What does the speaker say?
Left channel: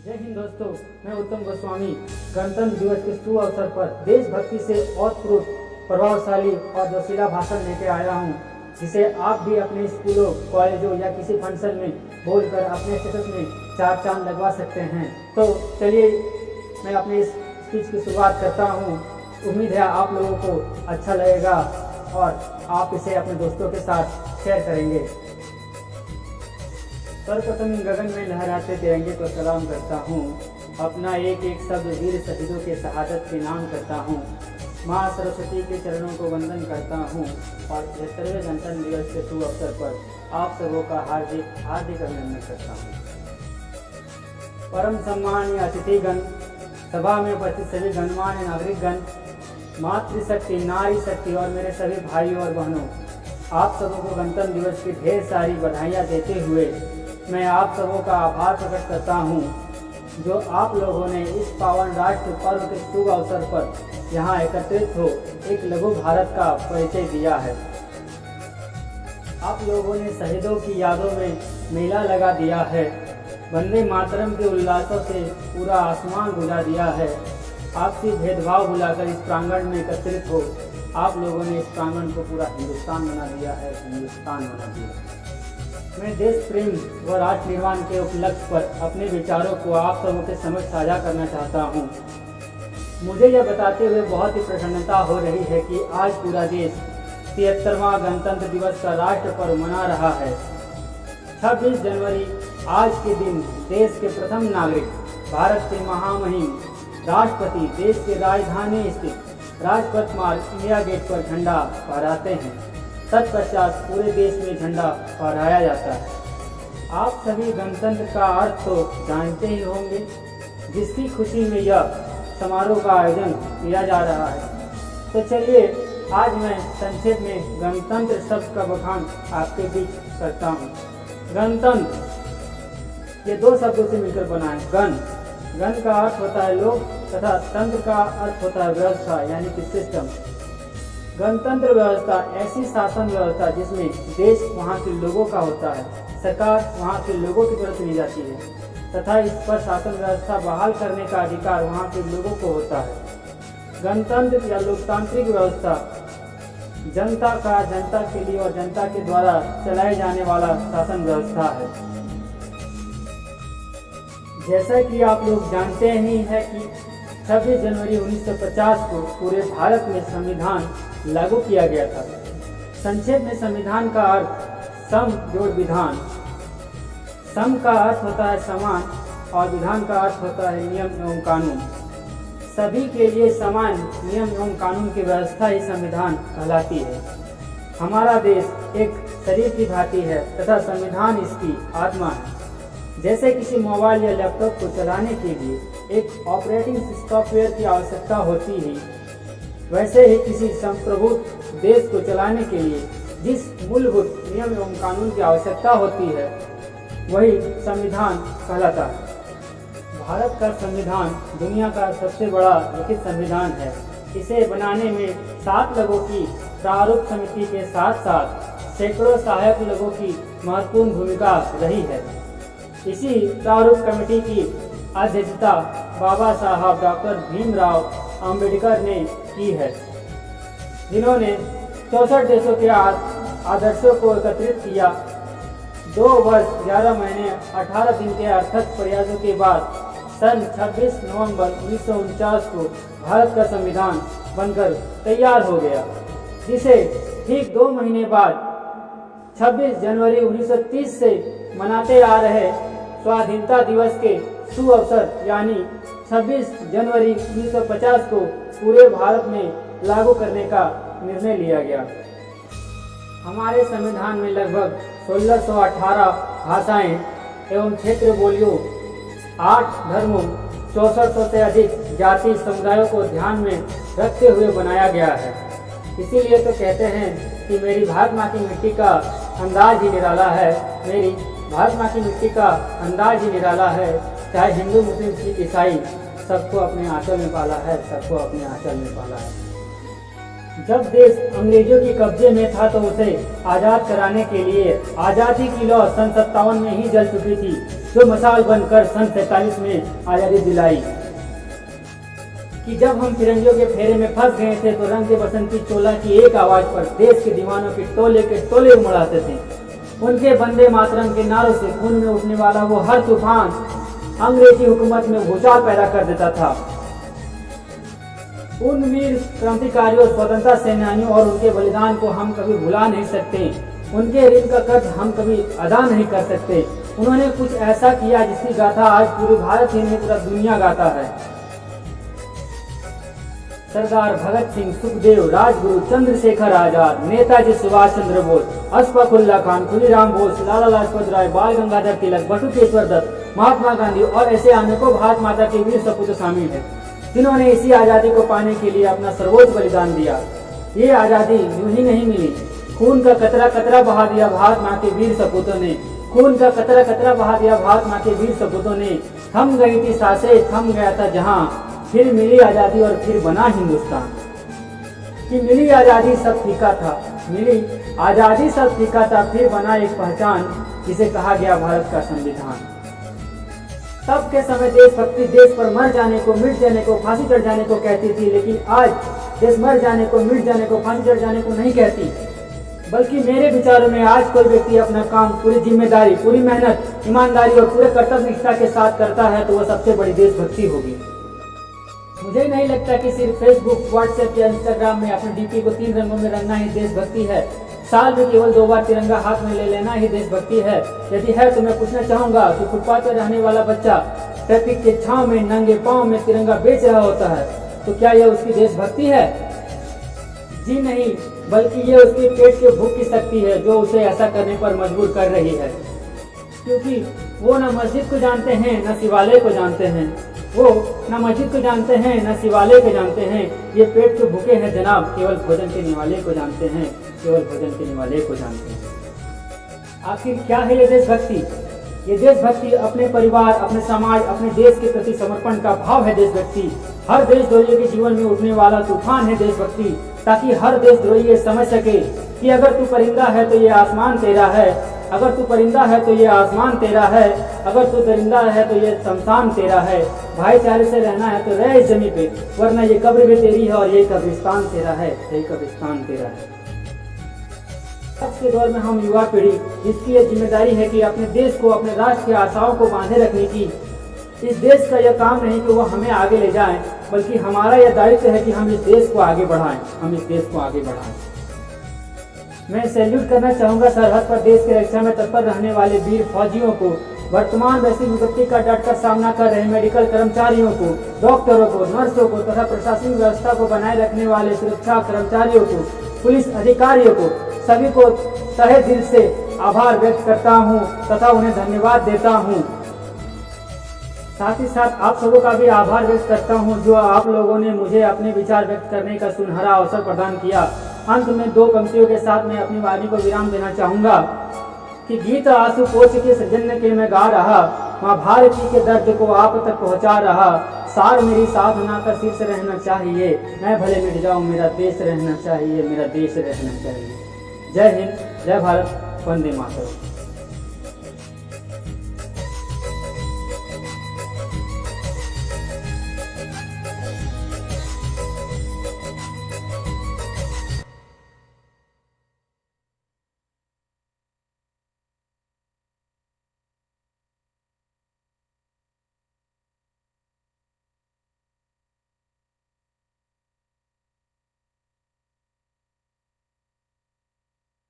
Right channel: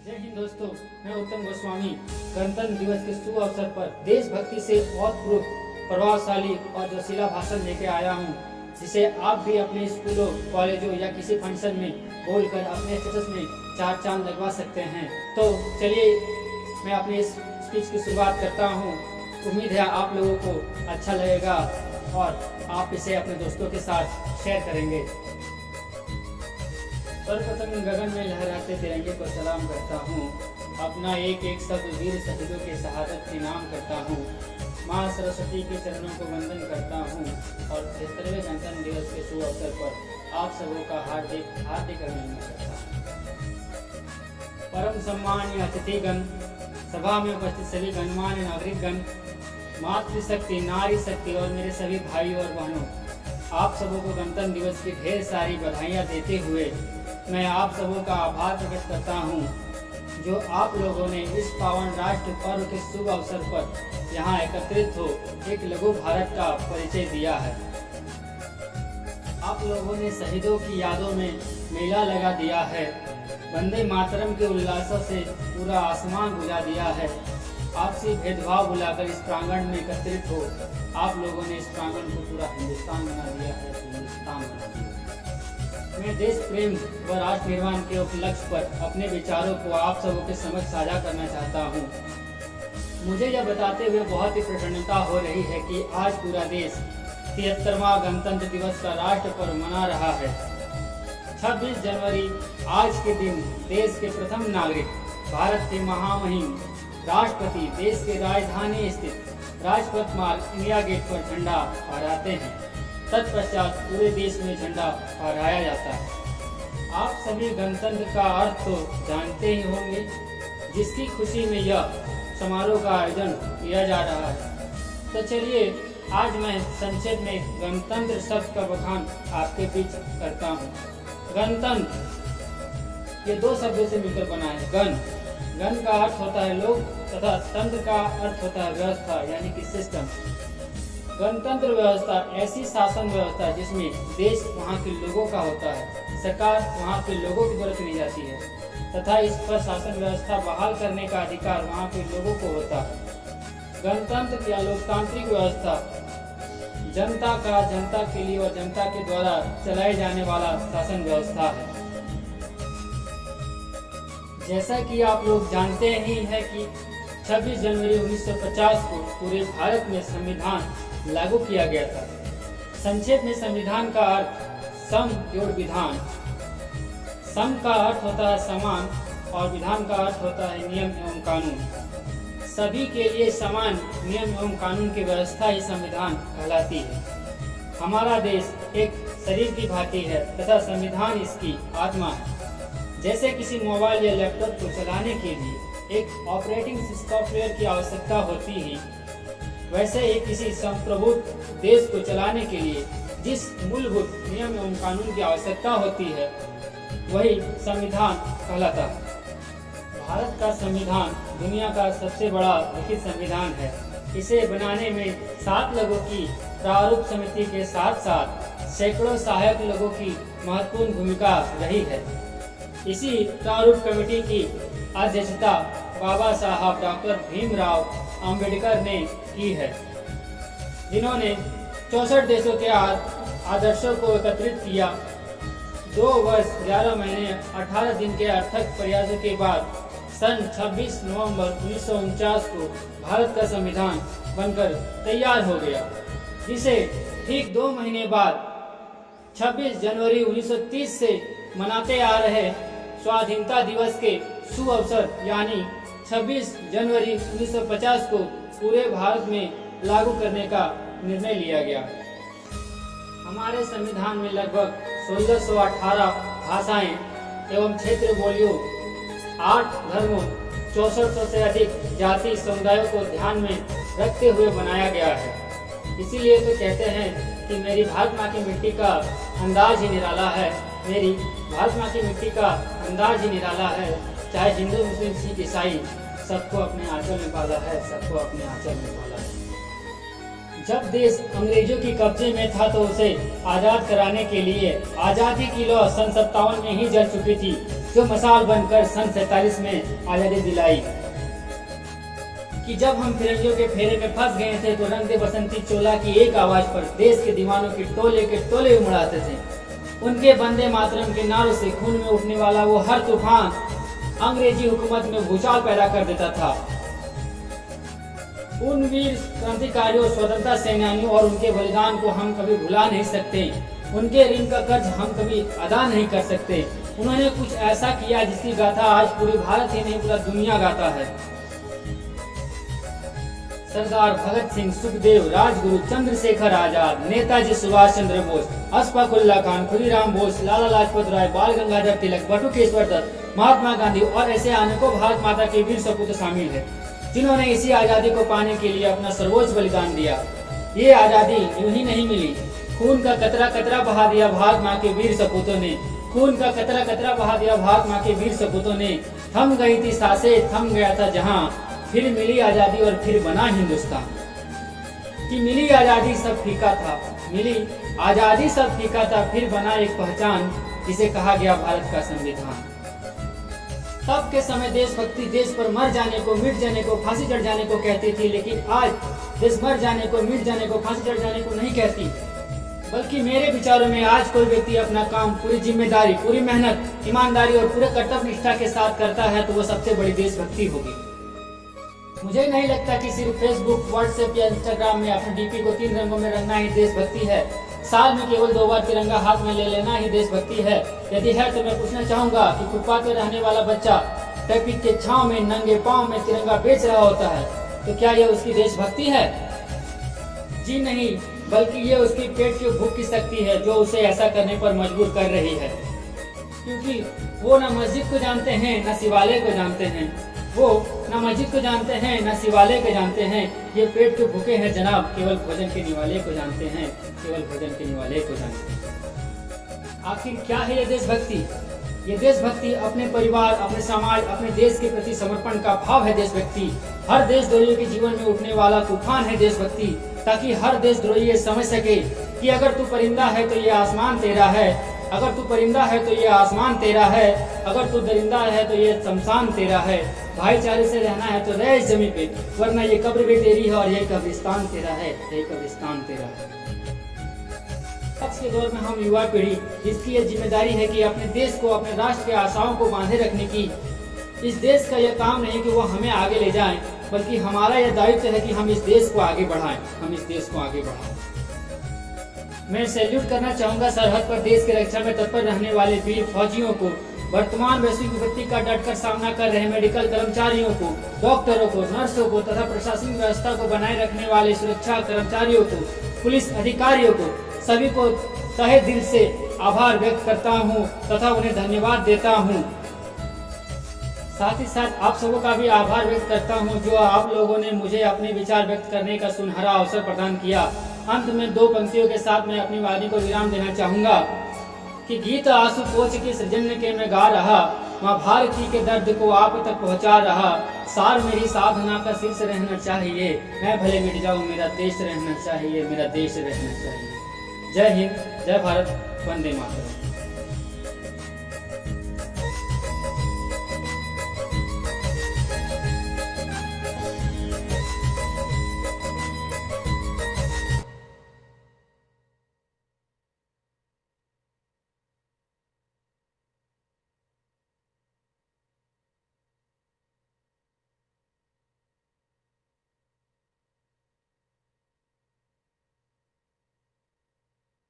जय हिंद दोस्तों, मैं उत्तम गोस्वामी गणतंत्र दिवस के शुभ अवसर पर देशभक्ति से ओतप्रोत प्रभावशाली और जोशीला भाषण लेके आया हूँ, जिसे आप भी अपने स्कूलों, कॉलेजों या किसी फंक्शन में बोलकर अपने स्टेटस में 4 चांद लगवा सकते हैं। तो चलिए मैं अपने इस स्पीच की शुरुआत करता हूँ। उम्मीद है आप लोगों को अच्छा लगेगा और आप इसे अपने दोस्तों के साथ शेयर करेंगे। सर्वप्रथम गगन में लहराते तिरंगे को सलाम करता हूँ। अपना एक एक शब्द वीर शहीदों के शहादत के नाम करता हूँ। माँ सरस्वती के चरणों को वंदन करता हूँ और 73वें गणतंत्र दिवस के शुभ अवसर पर आप सबों का हार्दिक हार्दिक अभिनंदन करता हूँ। परम सम्मानीय अतिथिगण, सभा में उपस्थित सभी गणमान्य नागरिकगण, मातृशक्ति, नारी शक्ति और मेरे सभी भाई और बहनों, आप सबों को गणतंत्र दिवस की ढेर सारी बधाइयाँ देते हुए मैं आप सबों का आभार प्रकट करता हूँ, जो आप लोगों ने इस पावन राष्ट्र पर्व के शुभ अवसर पर यहाँ एकत्रित हो एक लघु भारत का परिचय दिया है। आप लोगों ने शहीदों की यादों में मेला लगा दिया है। वंदे मातरम के उल्लासों से पूरा आसमान गुंजा दिया है। आपसी भेदभाव भुलाकर इस प्रांगण में एकत्रित हो आप लोगों ने इस प्रांगण को पूरा हिंदुस्तान बना दिया है, हिंदुस्तान बना दिया। मैं देश प्रेम व राष्ट्र निर्माण के उपलक्ष्य पर अपने विचारों को आप सबों के समक्ष साझा करना चाहता हूँ। मुझे यह बताते हुए बहुत ही प्रसन्नता हो रही है कि आज पूरा देश 73वां गणतंत्र दिवस का राष्ट्र पर्व मना रहा है। 26 जनवरी आज के दिन देश के प्रथम नागरिक, भारत के महामहिम राष्ट्रपति देश के राजधानी स्थित राजपथ मार्ग इंडिया गेट पर झंडा फहराते हैं। तत्पश्चात पूरे देश में झंडा फहराया जाता है। आप सभी गणतंत्र का अर्थ तो जानते ही होंगे, जिसकी खुशी में यह समारोह का आयोजन किया जा रहा है। तो चलिए आज मैं संक्षेप में गणतंत्र शब्द का बखान आपके बीच करता हूँ। गणतंत्र ये 2 शब्दों से मिलकर बना है। गण का अर्थ होता है लोग तथा तंत्र का अर्थ होता है व्यवस्था, यानी कि सिस्टम। गणतंत्र व्यवस्था ऐसी शासन व्यवस्था जिसमें देश वहाँ के लोगों का होता है, सरकार वहाँ के लोगों की द्वारा चुनी जाती है तथा इस पर शासन व्यवस्था बहाल करने का अधिकार वहाँ के लोगों को होता है। गणतंत्र या लोकतांत्रिक व्यवस्था जनता का जनता के लिए और जनता के द्वारा चलाए जाने वाला शासन व्यवस्था है। जैसा कि आप लोग जानते ही हैं कि 26 जनवरी 1950 को पूरे भारत में संविधान लागू किया गया था। संक्षेप में संविधान का अर्थ सम जोड़ विधान। सम का अर्थ होता है समान और विधान का अर्थ होता है नियम एवं कानून। सभी के लिए समान नियम एवं कानून की व्यवस्था ही संविधान कहलाती है। हमारा देश एक शरीर की भांति है तथा संविधान इसकी आत्मा है। जैसे किसी मोबाइल या लैपटॉप को चलाने के लिए एक ऑपरेटिंग सॉफ्टवेयर की आवश्यकता होती है, वैसे ही किसी संप्रभुत्व देश को चलाने के लिए जिस मूलभूत नियम एवं कानून की आवश्यकता होती है वही संविधान कहलाता है। भारत का संविधान दुनिया का सबसे बड़ा लिखित संविधान है। इसे बनाने में 7 लोगों की प्रारूप समिति के साथ साथ सैकड़ों सहायक लोगों की महत्वपूर्ण भूमिका रही है। इसी प्रारूप कमेटी की अध्यक्षता बाबा साहब डॉक्टर भीमराव अंबेडकर ने की है, जिन्होंने 64 देशों के आदर्शों को एकत्रित किया। 2 वर्ष 11 महीने 18 दिन के अर्थक प्रयासों के बाद सन 26 नवंबर 1949 को भारत का संविधान बनकर तैयार हो गया, जिसे ठीक 2 महीने बाद 26 जनवरी 1930 से मनाते आ रहे स्वाधीनता दिवस के शुभ अवसर यानी 26 जनवरी 1950 को पूरे भारत में लागू करने का निर्णय लिया गया। हमारे संविधान में लगभग 1618 भाषाएं एवं क्षेत्र बोलियों, 8 धर्मों, 6400 से अधिक जाति समुदायों को ध्यान में रखते हुए बनाया गया है। इसीलिए तो कहते हैं कि मेरी भारत माँ की मिट्टी का अंदाज ही निराला है। मेरी भारत माँ की मिट्टी का अंदाज ही निराला है। चाहे हिंदू, मुस्लिम, सिख, ईसाई, सबको अपने आंचल में पाला है, सबको अपने आंचल में पाला है। जब देश अंग्रेजों के कब्जे में था तो उसे आज़ाद कराने के लिए आज़ादी की लौ सन 57 में ही जल चुकी थी, जो मसाल बनकर सन 47 में आज़ादी दिलाई। कि जब हम फिरंगियों के फेरे में फंस गए थे तो रंग दे बसंती चोला की एक आवाज़ पर देश के दीवानों के टोले उमड़ाते थे। उनके बंदे मातरम के नारों से खून में उठने वाला वो हर तूफान अंग्रेजी हुकूमत में भूचाल पैदा कर देता था। उन वीर क्रांतिकारियों, स्वतंत्रता सेनानियों और उनके बलिदान को हम कभी भुला नहीं सकते। उनके ऋण का कर्ज हम कभी अदा नहीं कर सकते। उन्होंने कुछ ऐसा किया जिसकी गाथा आज पूरे भारत ही नहीं पूरा दुनिया गाता है। सरदार भगत सिंह, सुखदेव, राजगुरु, चंद्रशेखर आजाद, नेताजी सुभाष चंद्र बोस, अशफाक उल्लाह खान, खुदीराम बोस, लाला लाजपत राय, बाल गंगाधर तिलक, बटुकेश्वर दत्त, महात्मा गांधी और ऐसे अनेकों भारत माता के वीर सपूत शामिल हैं, जिन्होंने इसी आज़ादी को पाने के लिए अपना सर्वोच्च बलिदान दिया। ये आज़ादी यूं ही नहीं मिली, खून का कतरा कतरा बहा दिया भारत माँ के वीर सपूतों ने। खून का कतरा कतरा बहा दिया भारत माँ के वीर सपूतों ने। थम गई थी सांसें, थम गया था जहाँ, फिर मिली आज़ादी और फिर बना हिंदुस्तान। कि मिली आज़ादी सब फीका था, मिली आज़ादी सब फीका था, फिर बना एक पहचान जिसे कहा गया भारत का संविधान। तब के समय देशभक्ति देश पर मर जाने को, मिट जाने को, फांसी चढ़ जाने को कहती थी, लेकिन आज देश मर जाने को, मिट जाने को, फांसी चढ़ जाने को नहीं कहती, बल्कि मेरे विचारों में आज कोई व्यक्ति अपना काम पूरी जिम्मेदारी, पूरी मेहनत, ईमानदारी और पूरे कर्तव्य निष्ठा के साथ करता है तो वह सबसे बड़ी देशभक्ति होगी। मुझे नहीं लगता कि सिर्फ फेसबुक, व्हाट्सएप या इंस्टाग्राम में अपने डीपी को 3 रंगों में रंगना ही देशभक्ति है। साल में केवल 2 बार तिरंगा हाथ में ले लेना ही देशभक्ति है। यदि है तो मैं पूछना चाहूँगा कि फुटपाथ पर रहने वाला बच्चा ट्रैफिक के छांव में नंगे पांव में तिरंगा बेच रहा होता है, तो क्या यह उसकी देशभक्ति है? जी नहीं, बल्कि ये उसके पेट के भूख की शक्ति है जो उसे ऐसा करने पर मजबूर कर रही है। क्योंकि वो न मस्जिद को जानते हैं, न शिवालय को जानते हैं। वो न मस्जिद को जानते हैं, न शिवालय को जानते हैं। ये पेट के भूखे हैं जनाब, केवल भोजन के निवाले को जानते हैं, केवल भोजन के निवाले को जानते हैं। आखिर क्या है ये देशभक्ति? ये देशभक्ति अपने परिवार, अपने समाज, अपने देश के प्रति समर्पण का भाव है देशभक्ति। हर देशद्रोही के जीवन में उठने वाला तूफान है देशभक्ति, ताकि हर देशद्रोही ये समझ सके कि अगर तू परिंदा है तो ये आसमान तेरा है, अगर तू परिंदा है तो ये आसमान तेरा है, अगर तू दरिंदा है तो ये शमशान तेरा है। भाईचारे से रहना है तो रह इस जमी पे, वरना ये कब्र भी तेरी है और ये कब्रिस्तान तेरा है, यही कब्रिस्तान तेरा है। आज के दौर में हम युवा पीढ़ी, जिसकी यह जिम्मेदारी है कि अपने देश को, अपने राष्ट्र के आशाओं को बांधे रखने की, इस देश का यह काम नहीं कि वह हमें आगे ले जाएं, बल्कि हमारा यह दायित्व है कि हम इस देश को आगे बढ़ाएं, हम इस देश को आगे बढ़ाएं। मैं सैल्यूट करना चाहूँगा सरहद पर देश की रक्षा में तत्पर रहने वाले वीर फौजियों को, वर्तमान वैश्विक विपत्ति का डटकर सामना कर रहे मेडिकल कर्मचारियों को, डॉक्टरों को, नर्सों को तथा प्रशासनिक व्यवस्था को बनाए रखने वाले सुरक्षा कर्मचारियों को, पुलिस अधिकारियों को, सभी को तहे दिल से आभार व्यक्त करता हूँ तथा उन्हें धन्यवाद देता हूँ। साथ ही साथ आप सबों का भी आभार व्यक्त करता हूँ जो आप लोगों ने मुझे अपने विचार व्यक्त करने का सुनहरा अवसर प्रदान किया। अंत में 2 पंक्तियों के साथ मैं अपनी वाणी को विराम देना चाहूँगा कि गीत आंसू पोंछ के सृजन के मैं गा रहा, माँ भारती के दर्द को आप तक पहुँचा रहा। सार मेरी साधना का शीर्ष रहना चाहिए, मैं भले मिट जाऊँ मेरा देश रहना चाहिए, मेरा देश रहना चाहिए। जय हिंद, जय भारत, वंदे मातरम।